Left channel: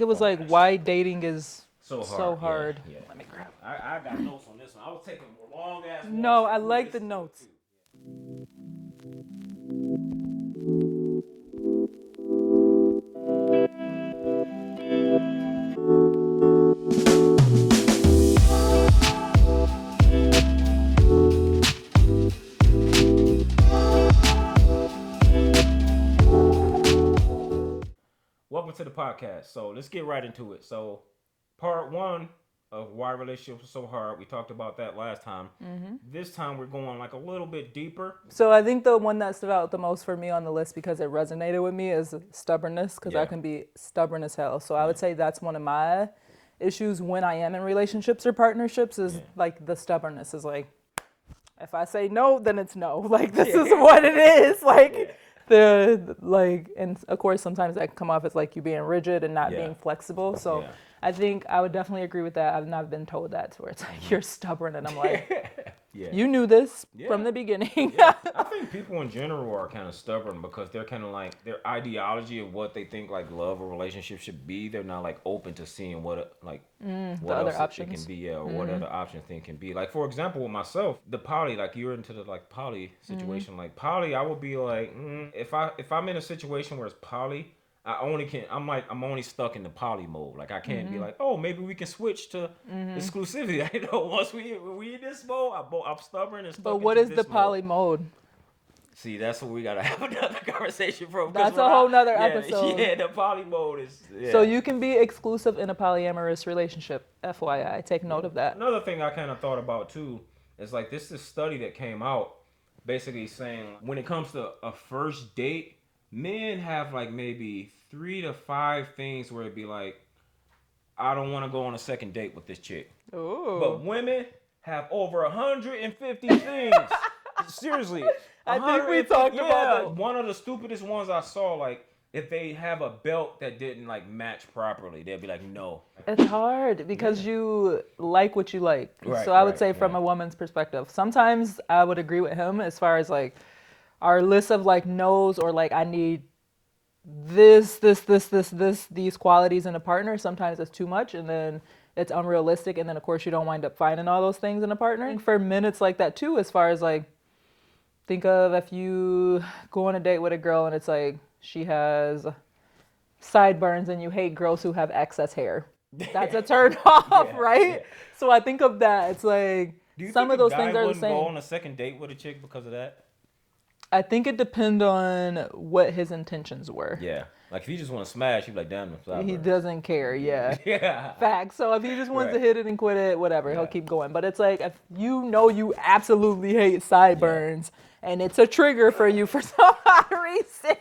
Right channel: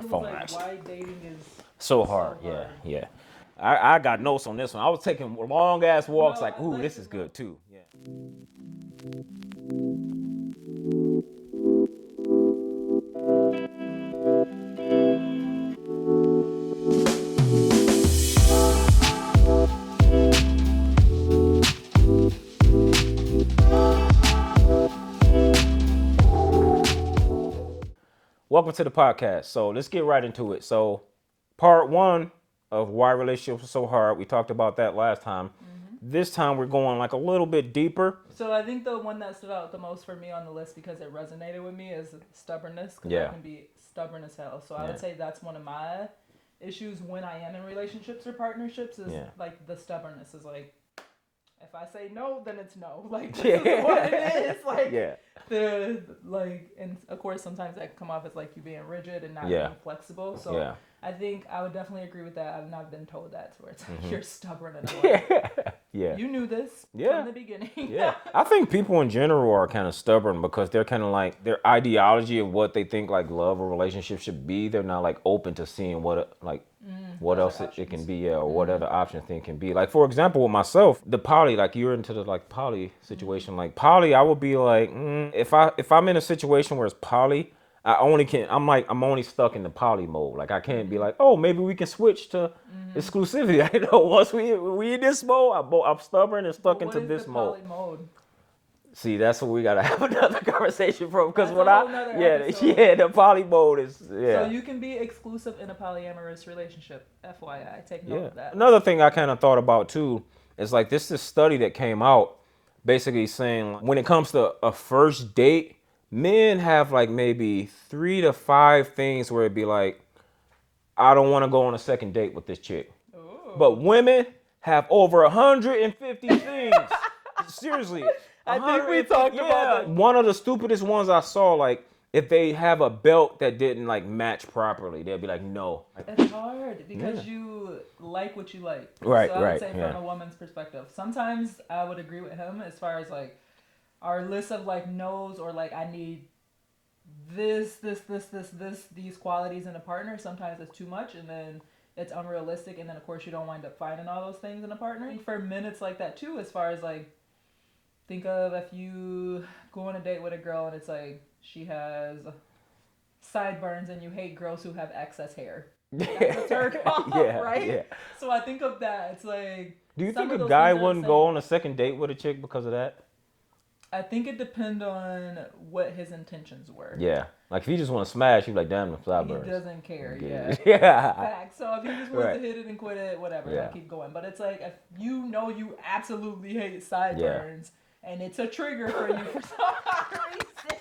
It was like why dating is so hard. Yeah. I got notes on this one. I was taking long ass walks. No, like, I like this the is notes. good too. Yeah. Welcome to the podcast. So let's get right into it. So part one of why relationships are so hard. We talked about that last time. This time we're going like a little bit deeper. So I think the one that stood out the most for me on the list because it resonated with me is stubbornness, because I can be stubborn as hell. So I would say that's one of my issues when I am in relationships or partnerships is like the stubbornness is like, if I say no, then it's no. Like this is what it is. Like and of course sometimes that can come off as like you being rigid and not being flexible. So I think I would definitely agree with that. I've not been told that to where it's like you're stubborn and I'm like you knew this from the beginning. I think people in general are kind of stubborn because they're kind of like their ideology of what they think like love or relationship should be. They're not like open to seeing what what else it can be or what other options thing can be. Like for example, with myself, the poly, like you're into the like poly situation. Like poly, I would be like, if I'm in a situation where it's poly, I'm only stuck in the poly mode. Like I can't be like, oh, maybe we can switch to exclusivity. I know once we in this mode, I'm stubborn and stuck into this mode. But what is the poly mode? See, that's what we gotta have another conversation from. That's a whole nother episode. Yeah, the poly mode is. Yeah. So you can be exclusive in a polyamorous relationship. FYI, take note of that. Another thing I kind of thought about too is like this study that came out, basically saying when it comes to a first date, men have like maybe 3 to 5 things where it'd be like, I don't want to go on a second date with this chick. Ooh. But women have over 150 things. Seriously. I think we talked about that. One of the stupidest ones I saw, like, if they have a belt that didn't like match properly, they'd be like, no. It's hard because you like what you like. Right, so I would say from a woman's perspective, sometimes I would agree with him as far as like our list of like no's or like I need this, these qualities in a partner. Sometimes it's too much and then it's unrealistic. And then of course you don't wind up finding all those things in a partner. For men, it's like that too, as far as like, think of if you go on a date with a girl and it's like she has sideburns and you hate girls who have excess hair. That's a turn off, right? Yeah. So I think of that. It's like do you some think of those a guy things wouldn't go on a second date with a chick because of that? I think it depends on what his intentions were. Yeah. Like if he just want to smash, he'd be like, damn, the sideburns. He doesn't care, yeah. Facts. So if he just wants to hit it and quit it, whatever, he'll keep going. But it's like if you know you absolutely hate sideburns and it's a trigger for you for some odd reason,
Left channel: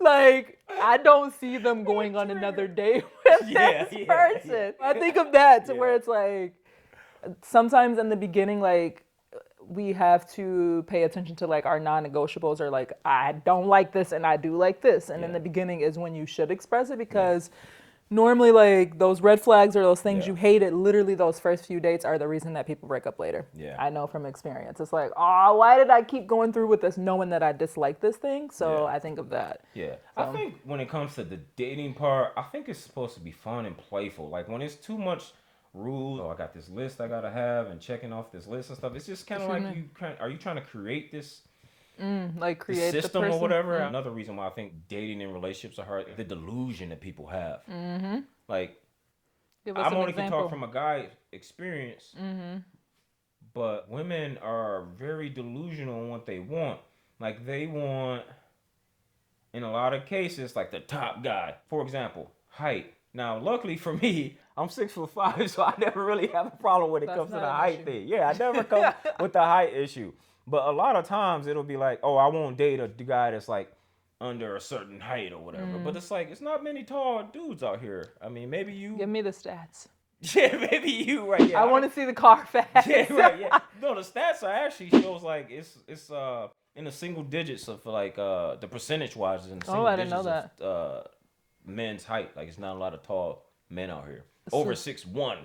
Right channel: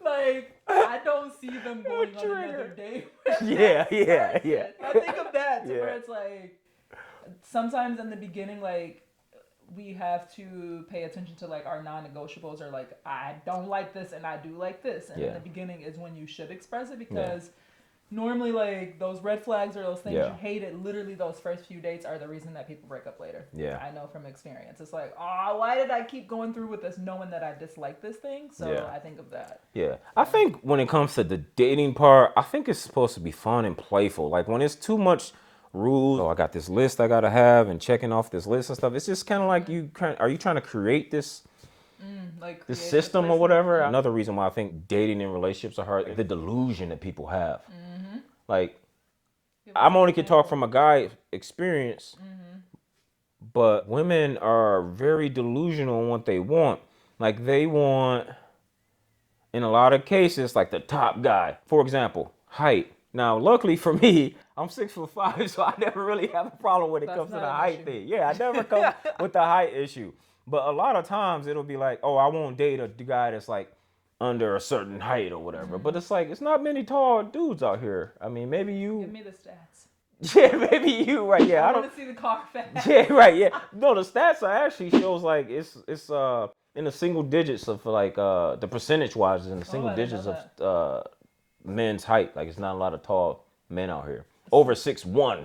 like I don't see them going on another date with this person. I think of that to where it's like sometimes in the beginning, like we have to pay attention to like our non-negotiables or like I don't like this and I do like this, and in the beginning is when you should express it because normally like those red flags or those things you hate, it literally those first few dates are the reason that people break up later. I know from experience. It's like, oh, why did I keep going through with this knowing that I dislike this thing? So I think of that. I think when it comes to the dating part, I think it's supposed to be fun and playful. Like when it's too much rules, I got this list I gotta have and checking off this list and stuff, it's just kind of like are you trying to create this like create the system or whatever? Another reason why I think dating and relationships are hard, the delusion that people have. Like I'm only can talk from a guy experience, but women are very delusional in what they want. Like they want, in a lot of cases, like the top guy. For example, height. Now, luckily for me, I'm 6'5", so I never really have a problem when it comes to the height thing. Yeah, I never come with the height issue. But a lot of times it'll be like, oh, I won't date a guy that's like under a certain height or whatever. But it's like, it's not many tall dudes out here. I mean, maybe you. Give me the stats. Yeah, maybe you, right? Yeah, I want to see the car facts. Yeah, right. Yeah. No, the stats are actually shows like it's in the single digits of like the percentage wise is in the single digits of men's height. Like it's not a lot of tall men out here. Over 6'1".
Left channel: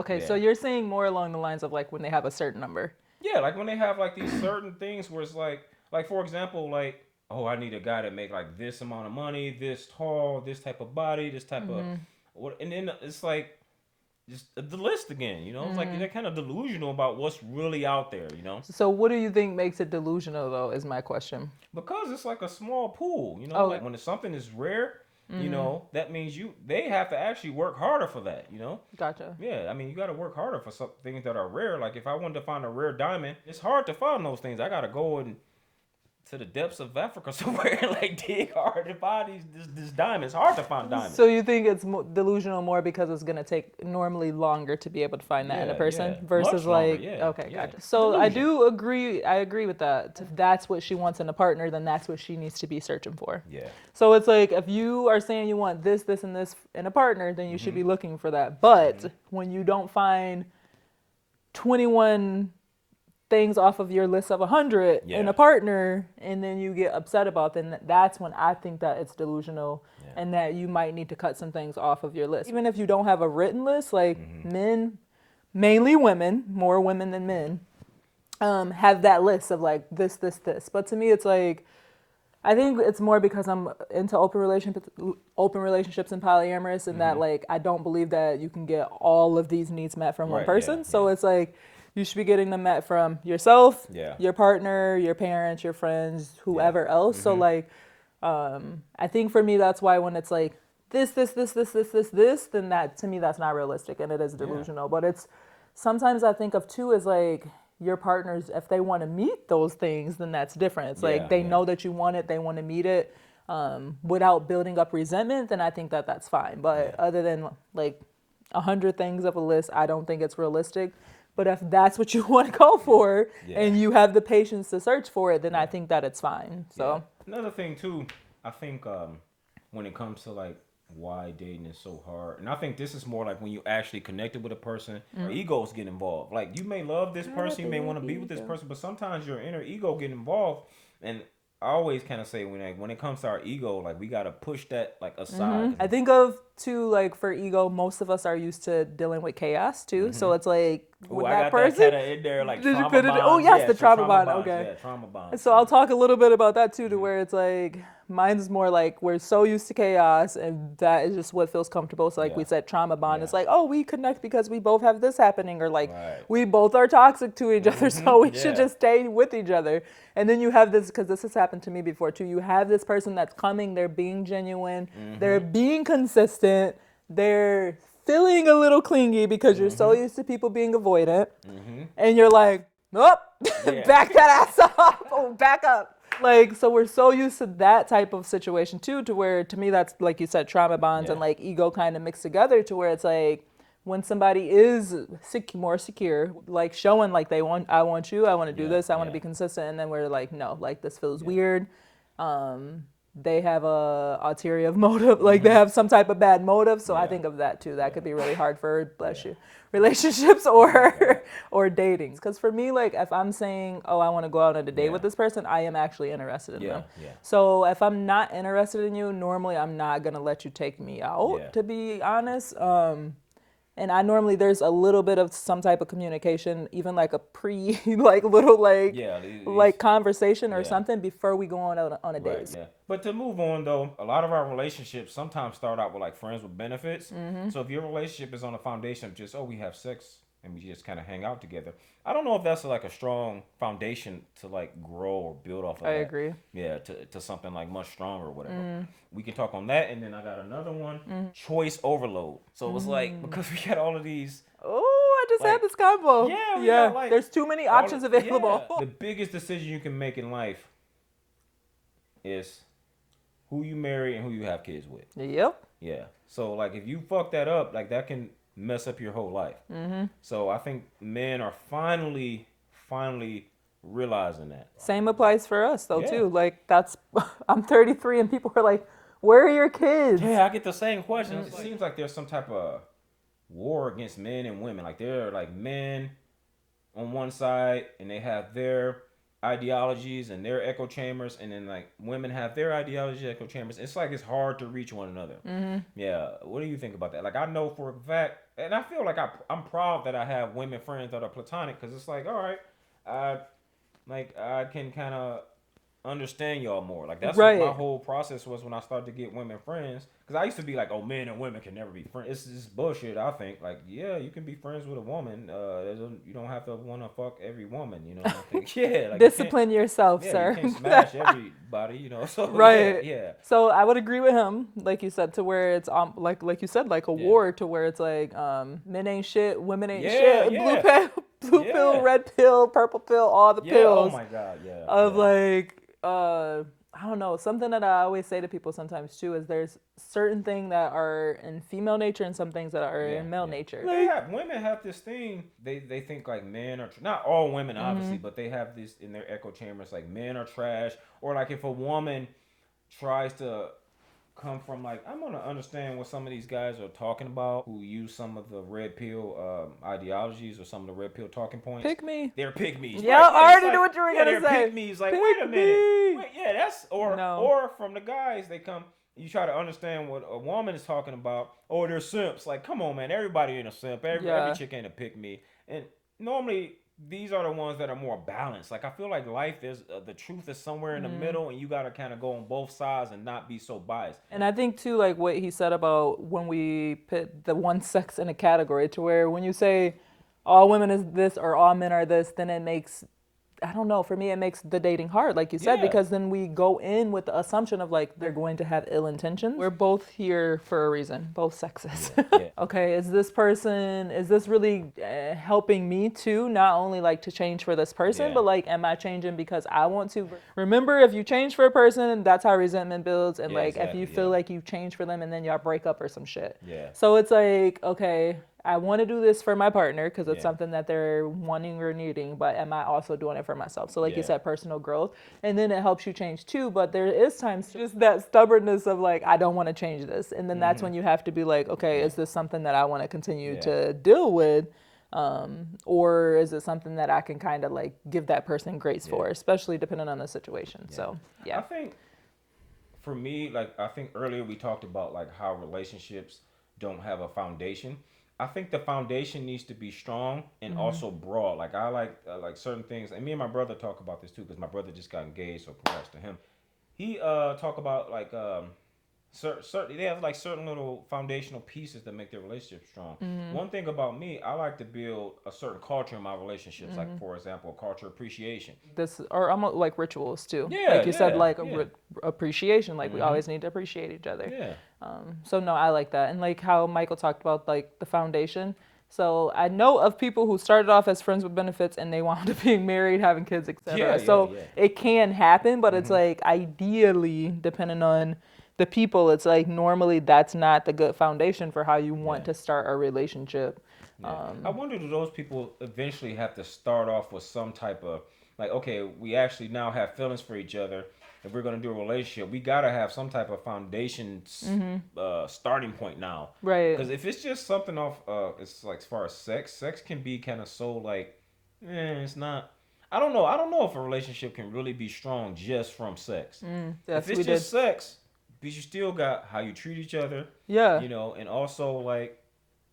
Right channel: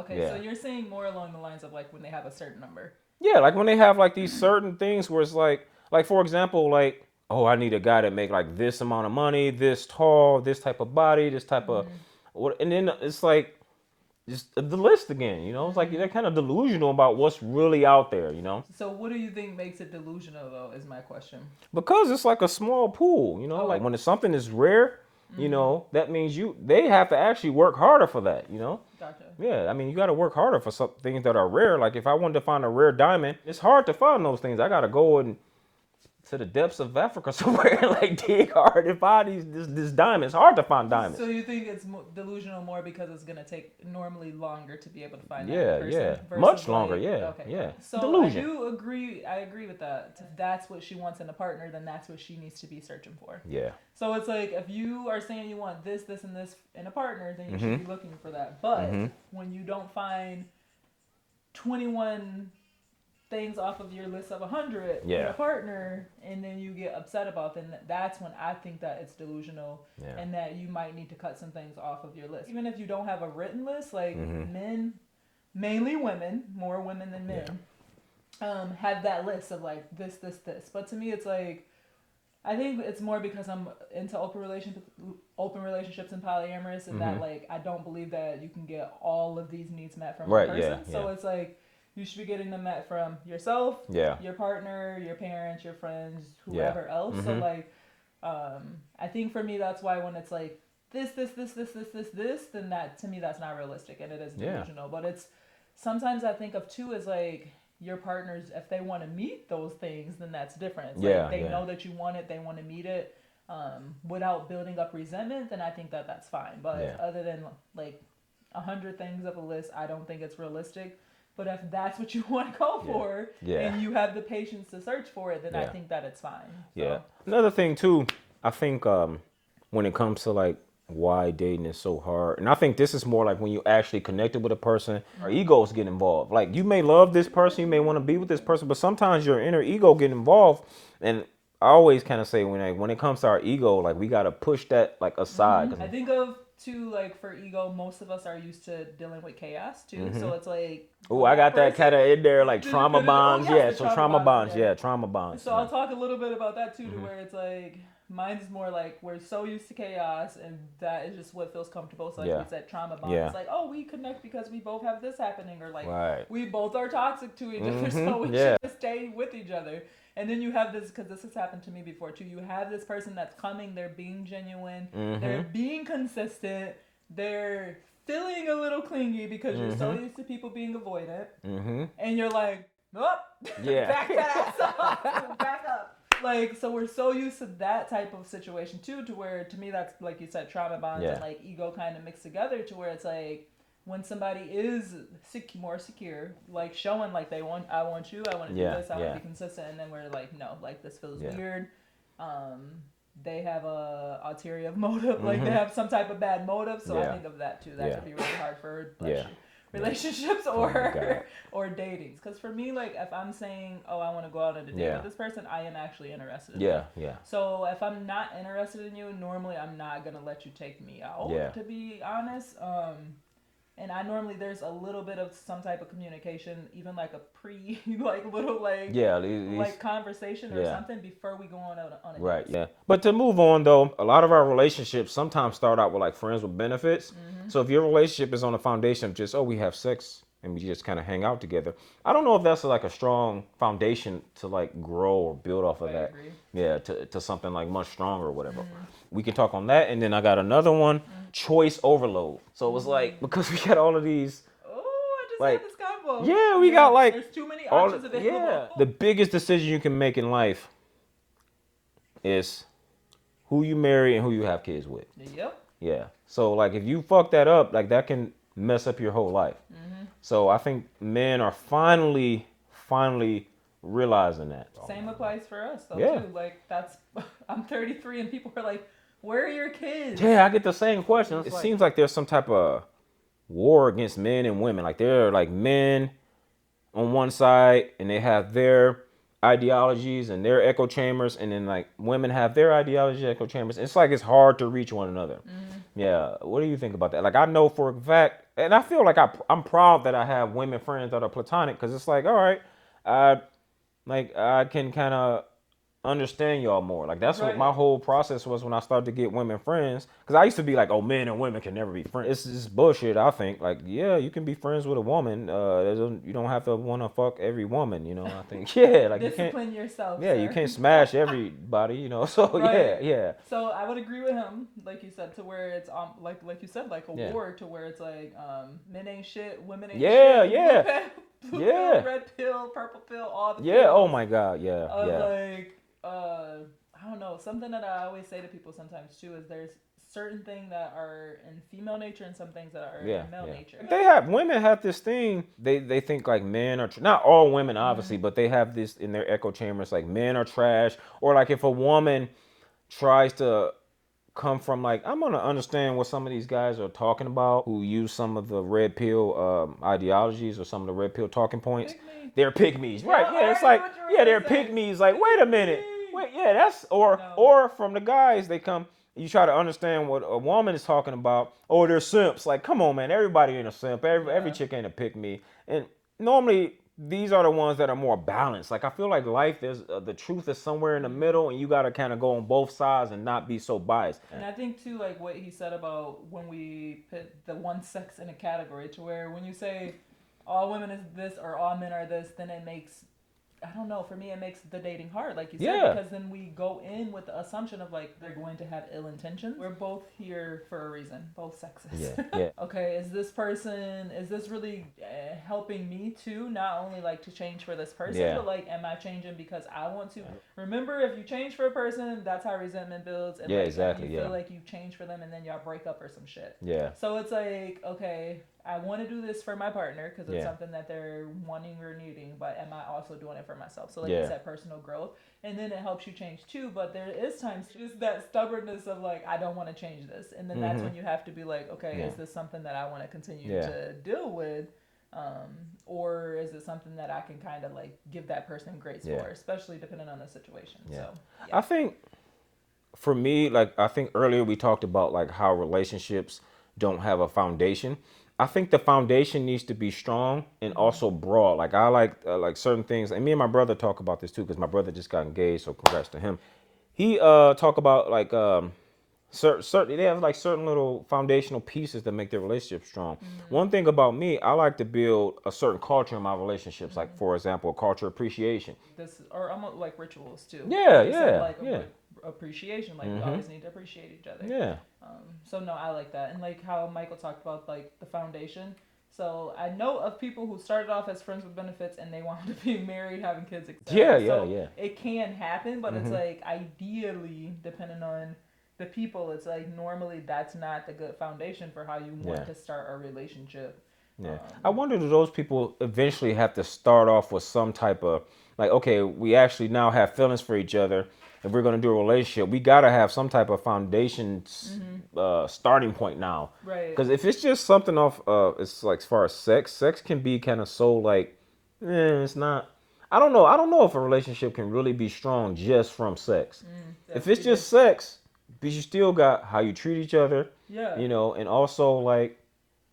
Okay, so you're saying more along the lines of like when they have a certain number. Yeah, like when they have like these certain things where it's like for example, like, oh, I need a guy that make like this amount of money, this tall, this type of body, this type of And then it's like just the list again, you know? It's like they're kind of delusional about what's really out there, you know? So what do you think makes it delusional, though, is my question. Because it's like a small pool, you know? Okay. Like when it's something is rare, you know, that means they have to actually work harder for that, you know? Gotcha. Yeah, I mean, you got to work harder for some things that are rare. Like if I wanted to find a rare diamond, it's hard to find those things. I got to go to the depths of Africa somewhere and like dig hard and find this diamond. It's hard to find diamonds. So you think it's delusional more because it's gonna take normally longer to be able to find that in a person versus much longer, like okay, gotcha. So delusion. I agree with that. If that's what she wants in a partner, then that's what she needs to be searching for. Yeah. So it's like if you are saying you want this, and this in a partner, then you should be looking for that. But when you don't find 21 things off of your list of 100 in a partner, and then you get upset about them, that's when I think that it's delusional and that you might need to cut some things off of your list. Even if you don't have a written list, like men, mainly women, more women than men, have that list of like this. But to me, it's like, I think it's more because I'm into open relationships and polyamorous, and that like I don't believe that you can get all of these needs met from one person. So it's like, you should be getting them met from yourself, your partner, your parents, your friends, whoever else. So like, I think for me, that's why when it's like this, then that, to me, that's not realistic and it is delusional. But it's, sometimes I think of too as like your partners, if they want to meet those things, then that's different. It's like they know that you want it, they want to meet it without building up resentment, then I think that that's fine. But other than like 100 things of a list, I don't think it's realistic. But if that's what you want to go for and you have the patience to search for it, then I think that it's fine. So another thing too, I think when it comes to like why dating is so hard, and I think this is more like when you actually connected with a person, our egos get involved. Like you may love this person, you may want to be with this person, but sometimes your inner ego get involved. And I always kind of say when it comes to our ego, like we got to push that like aside. I think of too, like for ego, most of us are used to dealing with chaos too. So it's like, oh, I got that kind of in there, like trauma bonds. Oh yes, the trauma bonds. Okay. Yeah, trauma bonds. So I'll talk a little bit about that too, to where it's like, mine's more like we're so used to chaos, and that is just what feels comfortable. So like we said, trauma bond. It's like, oh, we connect because we both have this happening, or like we both are toxic to each other, so we should just stay with each other. And then you have this, because this has happened to me before too. You have this person that's coming, they're being genuine, they're being consistent, they're feeling a little clingy because you're so used to people being avoidant, and you're like, oh, back that ass up, back up. Like, so we're so used to that type of situation too, to where, to me, that's, like you said, trauma bonds and like ego kind of mixed together, to where it's like, when somebody is more secure, like showing like I want you, I want to do this, I want to be consistent, and then we're like, no, like this feels weird. They have a ulterior motive, like they have some type of bad motive. So I think of that too. That could be really hard for relationships or dating. Because for me, like if I'm saying, oh, I want to go out on a date with this person, I am actually interested in them. So if I'm not interested in you, normally I'm not gonna let you take me out. To be honest. And I normally, there's a little bit of some type of communication, even like a like conversation or something before we go on a date. But to move on though, a lot of our relationships sometimes start out with like friends with benefits. So if your relationship is on a foundation of just, oh, we have sex and we just kind of hang out together, I don't know if that's like a strong foundation to like grow or build off of. I agree. Yeah, to something like much stronger or whatever. We can talk on that. And then I got another one, choice overload. So it was like, because we got all of these. Oh, I just had this combo. Yeah, we got like. There's too many options available. The biggest decision you can make in life is who you marry and who you have kids with. Yep. Yeah. So like if you fuck that up, like that can mess up your whole life. So I think men are finally realizing that. Same applies for us though too. Like I'm 33 and people are like, where are your kids? Yeah, I get the same question. It seems like there's some type of war against men and women. Like they're like men on one side and they have their ideologies and their echo chambers, and then like women have their ideology echo chambers. It's like it's hard to reach one another. Yeah, what do you think about that? Like I know for a fact, and I feel like I'm proud that I have women friends that are platonic, because it's like, all right, I can kind of understand y'all more. Like that's what my whole process was when I started to get women friends. Because I used to be like, oh, men and women can never be friends. It's just bullshit. I think like, yeah, you can be friends with a woman. You don't have to want to fuck every woman. You know, I think like discipline yourself, sir. You can't smash everybody. You know, so yeah. So I would agree with him, like you said, to where it's like you said, like a war, to where it's like men ain't shit, women ain't shit. Yeah. Blue pill, red pill, purple pill, all the pills. Oh my God, yeah. Of like, I don't know, something that I always say to people sometimes too is there's certain things that are in female nature and some things that are in male nature. Women have this thing, they think like men are, not all women obviously, but they have this in their echo chambers, like men are trash, or like if a woman tries to come from like, I'm gonna understand what some of these guys are talking about who use some of the red pill ideologies or some of the red pill talking points. Pick me. They're pick me's. Yeah, I already knew what you were gonna they're say. pick me's. Like, wait a minute. That's or from the guys, they come. You try to understand what a woman is talking about. Oh, they're simps. Like, come on, man. Everybody ain't a simp. Every chick ain't a pick me. And normally these are the ones that are more balanced. Like, I feel like life is the truth is somewhere in the middle, and you got to kind of go on both sides and not be so biased. And I think too, like what he said about when we put the one sex in a category, to where when you say all women is this or all men are this, then it makes, I don't know, for me it makes the dating hard, like you said, because then we go in with the assumption of like they're going to have ill intentions. We're both here for a reason, both sexes. Okay, is this really helping me too, not only like to change for this person, but like am I changing because I want to? Remember, if you change for a person, that's how resentment builds, and if you feel like you change for them and then y'all break up or some shit. So it's like, okay, I want to do this for my partner because it's something that they're wanting or needing, but am I also doing it for myself? So like you said, personal growth, and then it helps you change too, but there is times just that stubbornness of like, I don't want to change this. And then that's when you have to be like, okay, is this something that I want to continue to deal with? Or is it something that I can kind of like give that person grace for, especially depending on the situation. So I think for me, like I think earlier we talked about like how relationships don't have a foundation. I think the foundation needs to be strong and also broad. Like I like certain things, and me and my brother talk about this too, because my brother just got engaged, so congrats to him. He talk about like certain, they have like certain little foundational pieces that make their relationship strong. One thing about me, I like to build a certain culture in my relationships, like for example, culture appreciation. This, or almost like rituals too. Yeah, like you said, like appreciation, like we always need to appreciate each other. So no, I like that. And like how Michael talked about like the foundation. So I know of people who started off as friends with benefits and they wound up being married, having kids, etc. So it can happen, but it's like ideally, depending on the people, it's like normally that's not the good foundation for how you want to start a relationship. I wonder, do those people eventually have to start off with some type of like, okay, we actually now have feelings for each other. If we're going to do a relationship, we got to have some type of foundation starting point now. Right. Because if it's just something off, it's like as far as sex can be kind of so like, it's not. I don't know. I don't know if a relationship can really be strong just from sex. If it's just sex, but you still got how you treat each other. Yeah. You know, and also like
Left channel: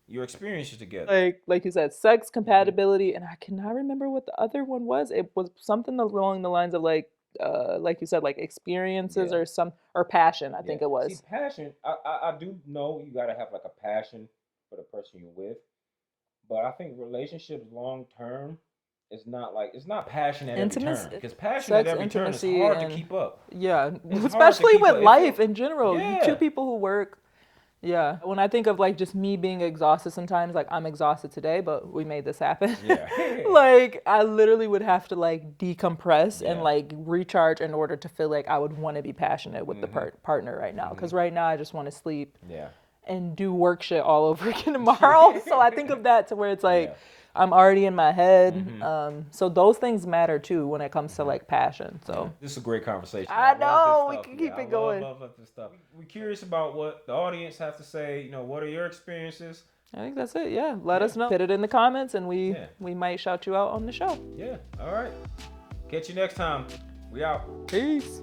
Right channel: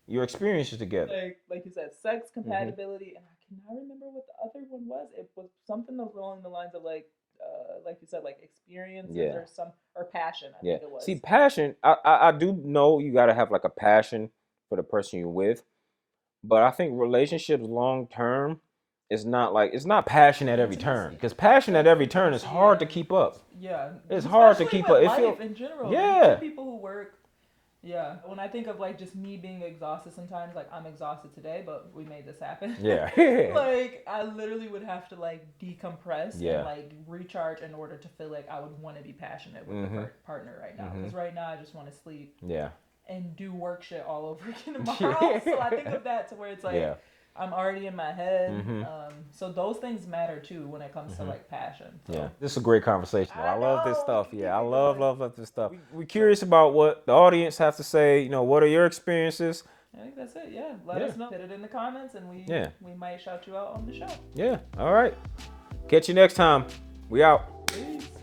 your experiences together. Like you said, sex, compatibility, and I cannot remember what the other one was. It was something along the lines of like you said, like experiences or passion, I think it was. See, passion, I do know you got to have like a passion for the person you're with, but I think relationships long term is not like, it's not passion at every turn, because passion at every turn is hard to keep up. It's especially with life in general. Two people who work. When I think of like just me being exhausted sometimes, like I'm exhausted today, but we made this happen. Like I literally would have to like decompress and like recharge in order to feel like I would want to be passionate with the partner right now. Because right now I just want to sleep and do work shit all over again tomorrow. So I think of that to where it's like, I'm already in my head. So those things matter too when it comes to like passion. So this is a great conversation. I love this stuff. I love this stuff. We're curious about what the audience have to say. You know, what are your experiences? I think that's it. Let us know. Put it in the comments and we might shout you out on the show. All right. Catch you next time. We out. Peace.